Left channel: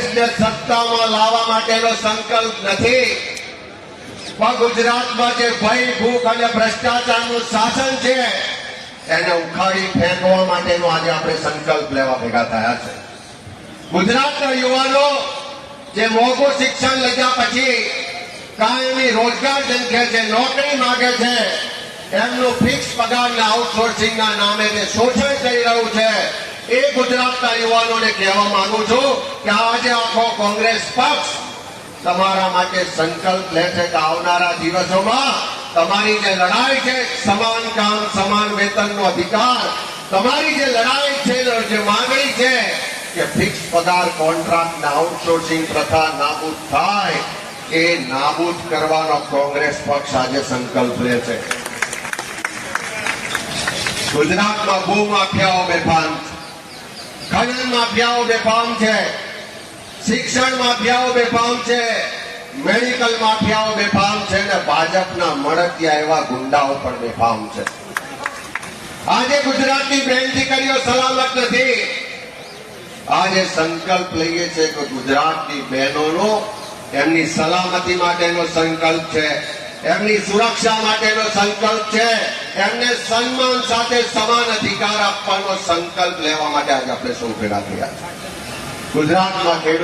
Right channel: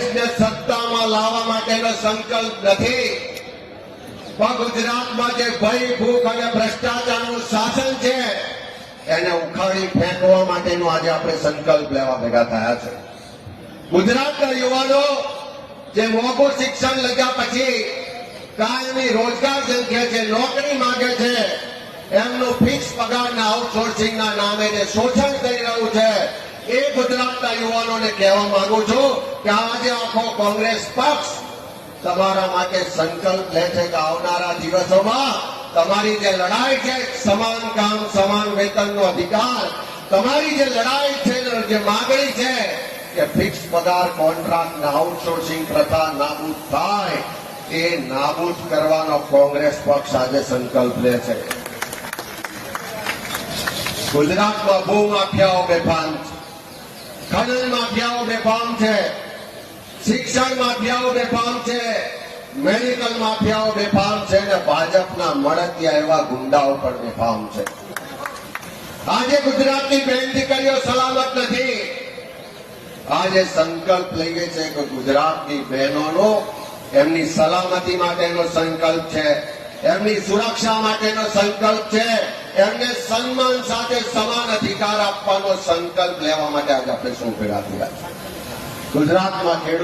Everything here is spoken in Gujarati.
સત્તામાં લાવવા માટેનો સંકલ્પ નથી, પણ ગુજરાતમાં જે ભય, ભૂખ અને ભ્રષ્ટાચારનું શાસન છે એને ઉખાડી ફેંકવા માટેનો આજે આપણે સંકલ્પ લેવા ભેગા થયા છે. ગુજરાતના યુવાનો જે મોંઘું શિક્ષણ લીધા પછી કાયમી રોજગાર ઝંખે છે, નોકરી માંગે છે, એમનું ફિક્સ પગારના આઉટસોર્સિંગના નામે જે શોષણ થઈ રહ્યું છે, એ ગુજરાતના યુવાનોને કહેવા માંગુ છું કે આજે આખો કોંગ્રેસ પક્ષ તમારા માટે સંકલ્પ લે છે કે આવનારા દિવસોમાં તમારી જે લડાઈ છે, સમાન કામ સમાન વેતનનો અધિકાર, તમારી જે લડાઈ છે, જે માંગણી છે કે ફિક્સ પગાર કોન્ટ્રાક્ટ ને આઉટસોર્સિંગ પ્રથા નાબૂદ થાય, એ નાબૂદ કરવાનો કોંગ્રેસ પક્ષ આજે સંકલ્પ લે છે. ગુજરાતમાં ભૂમાફિયાઓ બેફામ છે, ખનન માફિયાઓ બેફામ છે, શિક્ષણ માફિયાઓ બેફામ છે, મેડિકલ માફિયાઓ બેફામ છે અને ભાજપના મળતિયા એવા ગુંડાઓ પણ બેફામ છે. આજે ગુજરાતની બહેન દીકરીઓ સલામત નથી. આજે સંકલ્પ લઈએ છે કે ગુજરાતની બહેનોનો એમની સલામતી માટેનો સંકલ્પ છે, એમની સુરક્ષા માટેનો સંકલ્પ છે, એમને સન્માન સાથે સમાન અધિકાર આપવાનો સંકલ્પ લેવા માટે આજે આપણે સૌ ભેગા થયા. ગુજરાતમાં ખેડૂત